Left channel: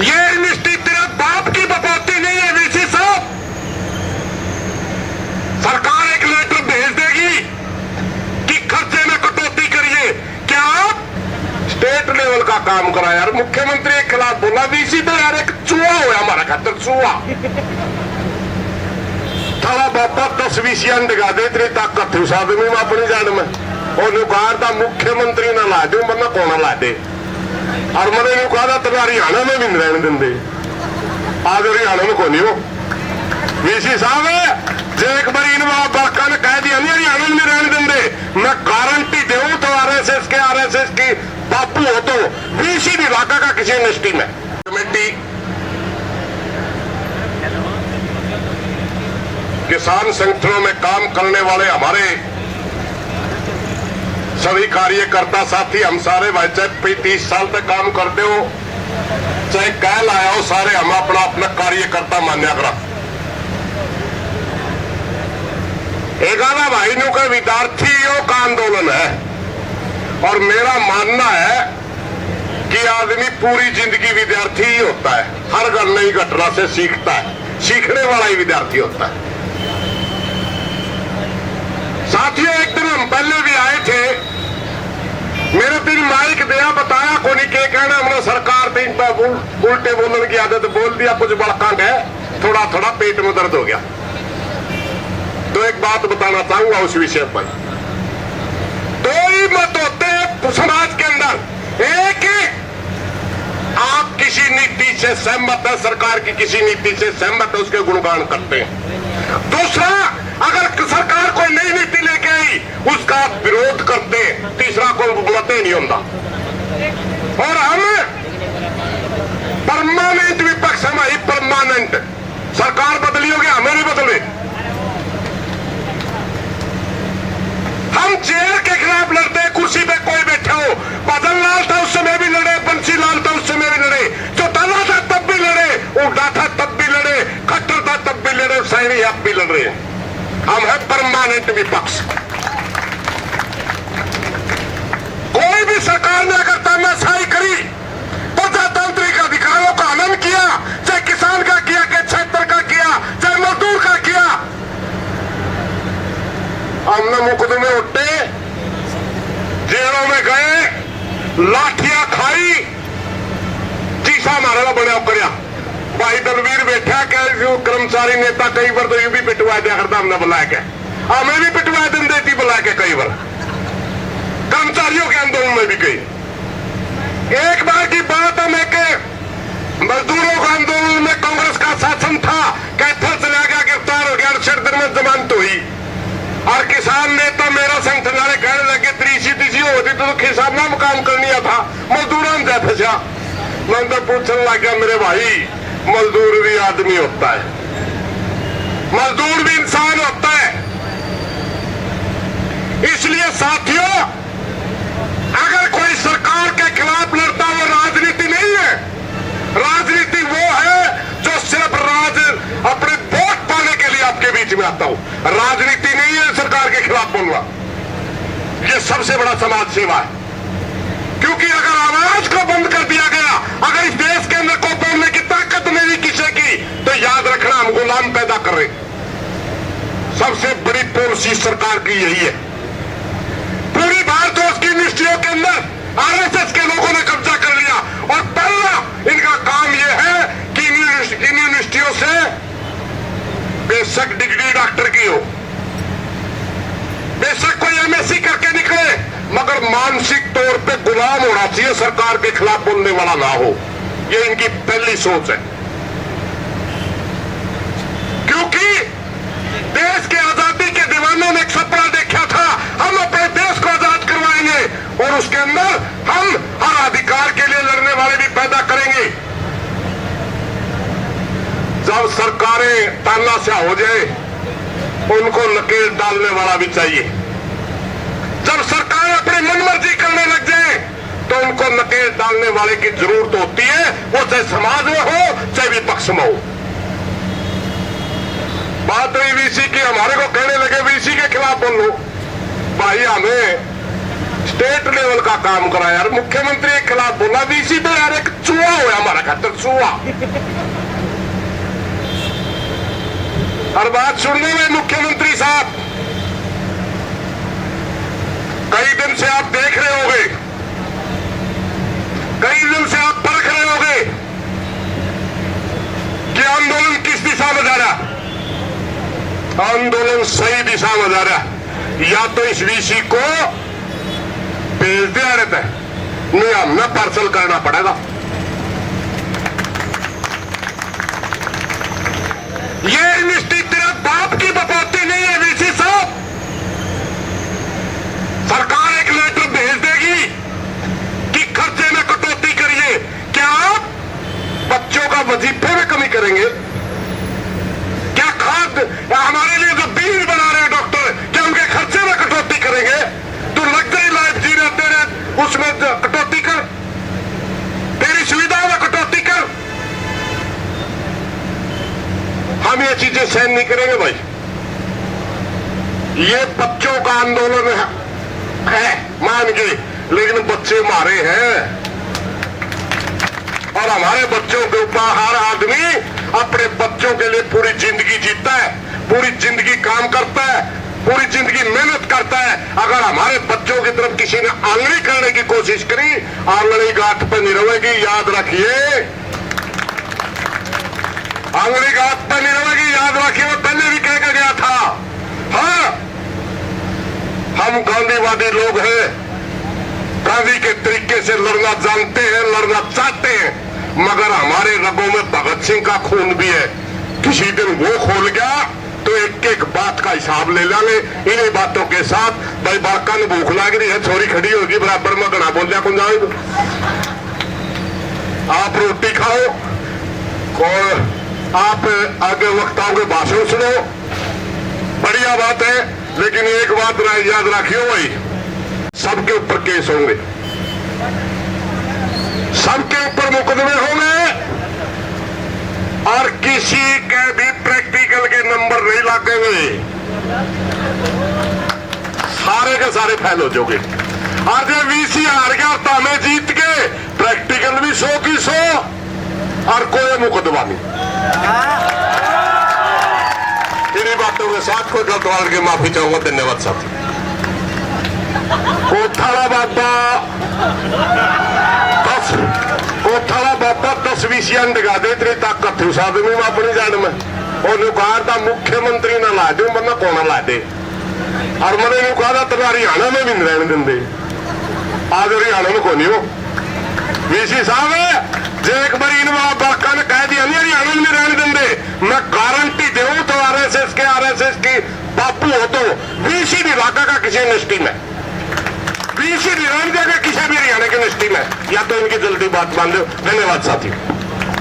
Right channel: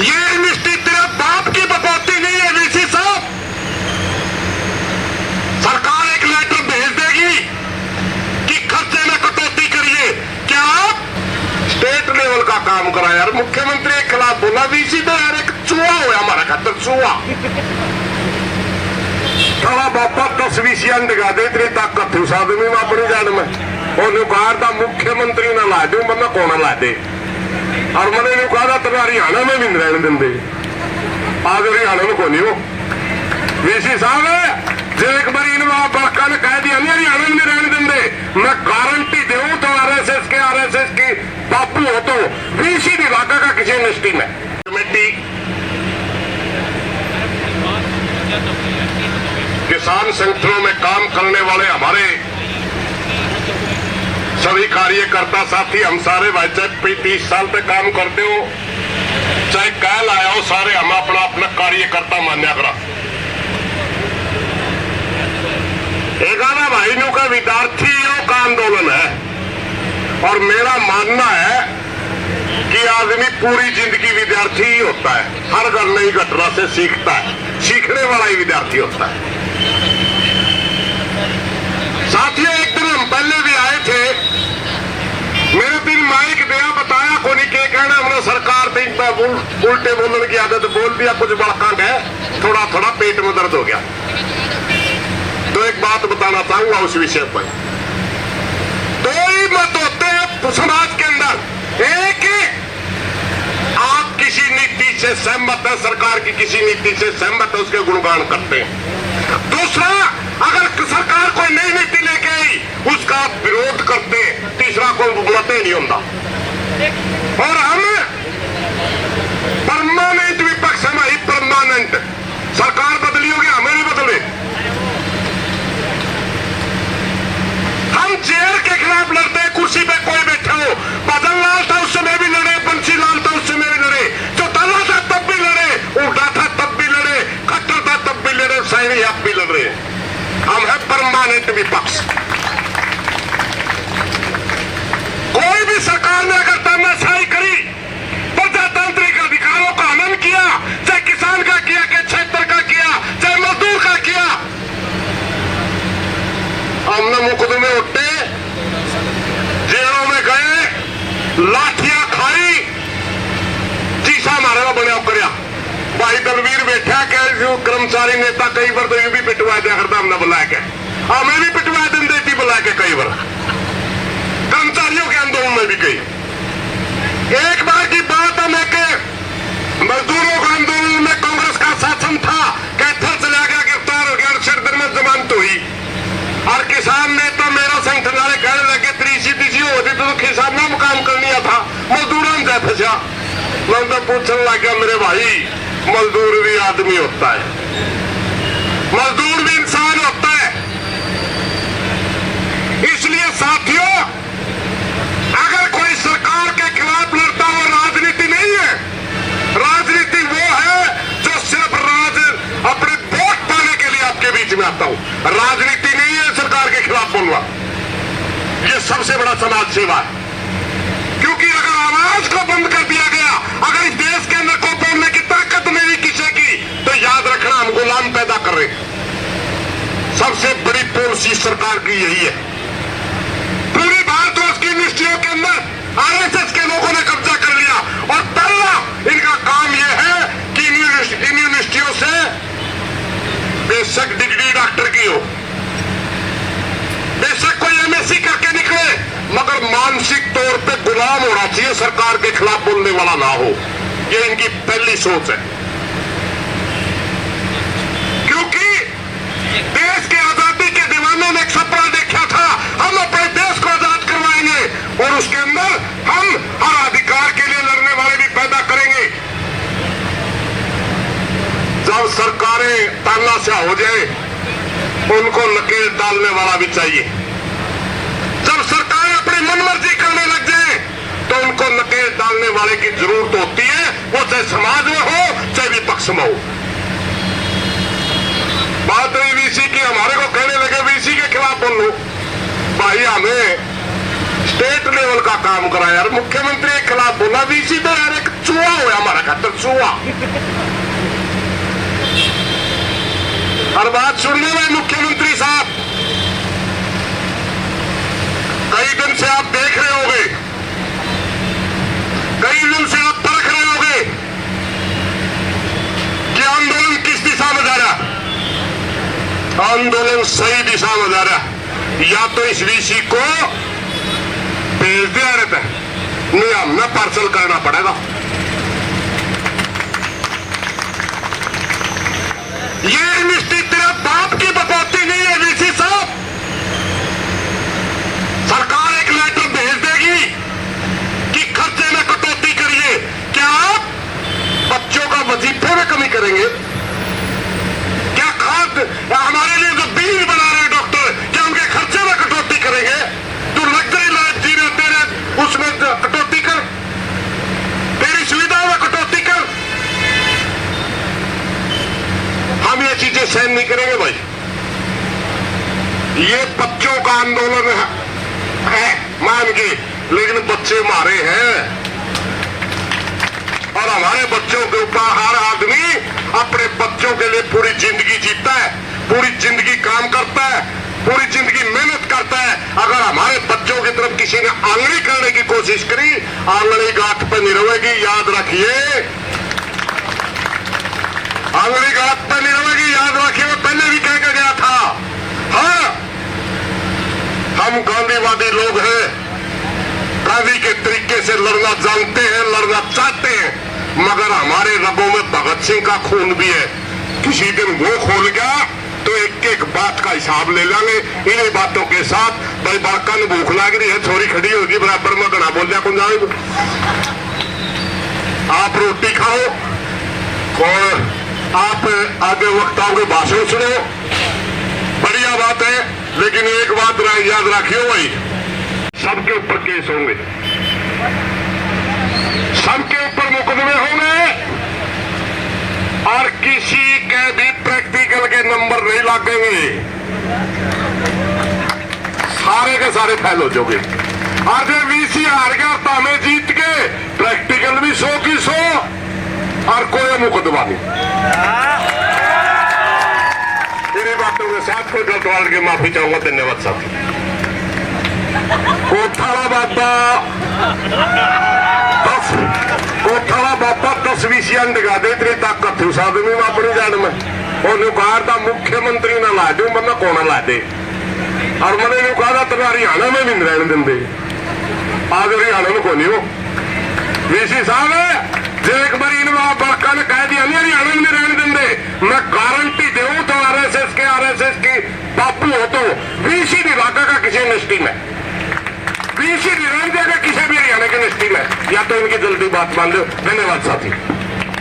ये यूनिवर्सिटी तेरे बाप की बकौती नहीं है वीसी साहब। सरकार एक लेटर भेज देगी कि खर्चे में कटौती करिए। क्या आप स्टेट लेवल का काम करा यार। मुख्यमंत्री के खिलाफ बोला वीसी तो यार एक चूहा हुआ हमारा खातर, चूहा। थोड़ा बापा 10 वीसियां दिखा दे, तेरी ताकत थी उस आदमी में अपनी जान में। और बाहर का मुख्यमंत्री ना ला दे, मरना कौन ला दे। और मैंने कहा तेरा हरियाणा में भी नहीं रहने देंगे, आज हरियाणा में कौन हो वीसी साहब है। जो एक बार इन बाका ने कह दिया नहीं हरियाणा में नहीं रहने देंगे, मैं गारंटी दूं तो आरएसएस की बापू हो तो वीसी विभाग का किसी यूनिवर्सिटी में कमेटी किसान संगठनों में काम करने वाले हमारे सभी कार्यकर्ता साथी, हम सारे भाई चाहे 30 साल तक काम करते हो चाहे कह लाया हो, सारे हम अपना अपना कार्यकर्ता मान्या करा। एगाना भाई नु का विद्यार्थियों का आंदोलन है और मेरा मानना है कि आदमी पूरी जिंदगी विद्यार्थी ही होता है। हर घर नई घटना से सीखता है, सीखने वाला ही विद्यार्थी होता है। साथियों एक दिन हम पहले भी आए थे, मेरे दिन माइक दिया बताया को नहीं के कहना हमने सरकार दिन पर उल्टे बोलने की आदत बोल दिया, कुछ बड़का है, थोड़ा थोड़ा पेट में दर्द हो गया। तो एक बात बताना चाहूंगा उस विषय पर। दो ही मत होते हैं समाज के अंदर, एक आप किसी नीति से सहमत है, सरकार की किसी नीति से सहमत है, उसके गुणगान करते हैं। दूसरा, अगर सरकार कोई नई नीति लेके आई उसका आप विरोध करते, तीसरा कोई मत ही नहीं होता। और हम परमानेंट विपक्ष, हमारी परमानेंट सरकार बदली होगी, हमें नहीं बदले। हम चेयर के खिलाफ लड़ते, कुर्सी पे कोई बैठा हो, बदन लाल था उस समय भी लड़े, बंसी लाल था उस समय भी लड़े, चौटाला था तब भी लड़े, उल्टा था तब भी लड़े, खट्टर था तब भी लड़े, सैनी आप भी लड़ रहे हैं। हम है परमानेंट विपक्ष। कोई भी सरकार ने अगर तानाशाही करी, प्रजातांत्रिक अधिकारों का हनन किया, चाहे किसान का किया, चाहे क्षेत्र का किया, चाहे मजदूर का किया, हमने मुकदमे उठे, जेलों में गए, लाठियां खाई, चीसा हमारे को बड़ा कर भाई दलवीर बैठा क्या कर्मचारी नेता कई बार तो ये भी पिटवा दिया करता हमने बुला के, हमें भी पिटवा दिन देती बुला के कई बार, कर्मचारियों के आंदोलन में भी कई। एक बार की बात है मैं के मजदूरों के आंदोलन में कांग्रेस का शासन था, कैथल चला गया, गिरफ्तार हो गया, सिर में जमानत हुई और किसान नेता मेरा संगठन कहने लगे तीसी होती तो किसानों में काम करनी था, मजदूरों में जाए फंसा। मैं तो पूछने लग गया मेरे भाई मजदूर भी आदमी होता है, मजदूर भी इंसान होता है। इसलिए साथियों, अगर कोई सरकार के खिलाफ लड़ता वो राजनीति नहीं है। राजनीति वो है जो सिर्फ अपने वोट पाने के लिए आपके बीच में आता हूं। राजनीति नहीं है सरकार के खिलाफ बोलना, ये सबसे बड़ा समाज सेवा है। क्योंकि अगर आवाज को बंद कर दिया गया, अगर इस देश के अंदर को बोलने की ताकत नहीं किसी की, तो याद रखना हम गुलाम पैदा कर रहे। सबसे बड़ी पॉलिसी सरकार की यही है। पूरी भारतवर्ष की यूनिवर्सिटियों के अंदर आरएसएस के लोगों ने कब्जा कर लिया और पहला इनका काम यह है कि इन यूनिवर्सिटियों से बेशक डिग्री डॉक्टर की हो, बेशक कोई एमएससी करके निकले, मगर मानसिक तौर पे गुलाम होना चाहिए, सरकार के खिलाफ बोलने वाला ना हो। ये इनकी पहली सोच है। क्योंकि देश के आजादी के दीवानों ने एक सपना देखा था, हम अपने देश को आजाद करवाएंगे और उसके अंदर हम हर अधिकार के लिए लड़ने वाले भी पैदा करेंगे। जब सरकारें तानाशाह हो जाए, उनको नकेल डालने वाला भी चाहिए। जब सरकारें अपनी मनमर्जी करने लग जाए, तो उनको नकेल डालने वाले की जरूरत होती है, वो चाहे समाज में हो चाहे विपक्ष में हो। बात रही वीसी की, हमारे को कहने लगे वीसी के खिलाफ बोलो। भाई हमें स्टेट लेवल का काम करा यार। मुख्यमंत्री के खिलाफ बोला वीसी तो यार एक चूहा हुआ हमारा खातर, चूहा। और बात सुनने में मुख्यमंत्री साहब, कई दिन से आप देख रहे होंगे, कई दिन से आप परख रहे होंगे कि आंदोलन किस दिशा में जा रहा। आंदोलन सही दिशा में जा रहा। या तो इस वीसी को भेज दिया रहता है, नहीं हमें पार्सल करना पड़ेगा। ये यूनिवर्सिटी तेरा बाप की बकौती नहीं है वीसी साहब। सरकार एक लेटर भेज देगी कि खर्चे में कटौती करिए। क्या आप बच्चों का वजीफे में कमी करेंगे? क्या खाद हमारे लिए जो बिल बना रहे हैं डॉक्टर, क्या उनके खर्चे में कटौती करेंगे? तू लग्जरी लाइफ जी रहे, तेरे उसमें कटौती कर, तेरी सुविधाओं में कटौती कर। हम ये चीजें सहन नहीं करेंगे भाई। ये बच्चों का आंदोलन है मान के, लेकिन बच्चे मारे हैं और हमारे बच्चों के ऊपर हर आदमी अपने बच्चों के लिए पूरी जिंदगी जीता है, पूरी जिंदगी काम करता है, पूरी जिंदगी मेहनत करता है। अगर हमारे बच्चों की तरफ किसी ने आंगड़ी करने की कोशिश करी, आंगड़ी गांठ पर नहीं रहेगी, याद रखिए। आंगड़ी गांठ पर नहीं रहेगी, याद रखिए। वो पहले भी कह के गया था। हाँ, हम गांधीवादी लोग हैं, गांधी के तरीके से लड़ना जानते हैं, लड़ना चाहते हैं, मगर हमारे रगों में भगत सिंह का खून भी है। किसी दिन वो खोल गया तो एक एक बात का हिसाब ले लेंगे। इन्हीं बातों के साथ भाई बाका ने भूख लग रही है, छोरी खड़ी होगी बराबर में, गना बोल जा कौन जाओ। आप रोटी खाओ और आप आगे वक्ताओं के भाषण सुनो, बढ़िया बात है। लेकिन एक बात याद रखियो भाई, सबके ऊपर केस होंगे, सबके ऊपर मुकदमे होंगे और किसी के भी प्रैक्टिकल के नंबर नहीं लगेंगे। सारे के सारे फेल हो जाओगे। आज वीसी हार गया तो हमें जीत के प्रैक्टिकल भी 100 की 100 और कोई मुकदमा नहीं। इन्हीं बातों के साथ कोई गलतवाल की माफी चाहूंगा। धन्यवाद साथी। कोठाला बाबा 10 वीसियां डिगा दे, इतनी ताकत थी उस आदमी में अपनी जान में। और कहा था मुख्यमंत्री ना ला दे, मैं कौन ला दे। और मैंने कहा था तेरे हरियाणा में भी नहीं रहने देंगे। आज हरियाणा में कौन हो वीसी साहब है, जो एक बार इन बाका ने कह दिया नहीं हरियाणा में नहीं रहने देंगे। मैं गारंटी दूं तो आरएसएस की बापू हो तो वीसी नहीं भागा का किसी यूनिवर्सिटी में, वीसी नहीं रहने देगा किसी भी हरियाणा की यूनिवर्सिटी में। या तो इनकी जल्दी बात मान लो। धन्यवाद साथी।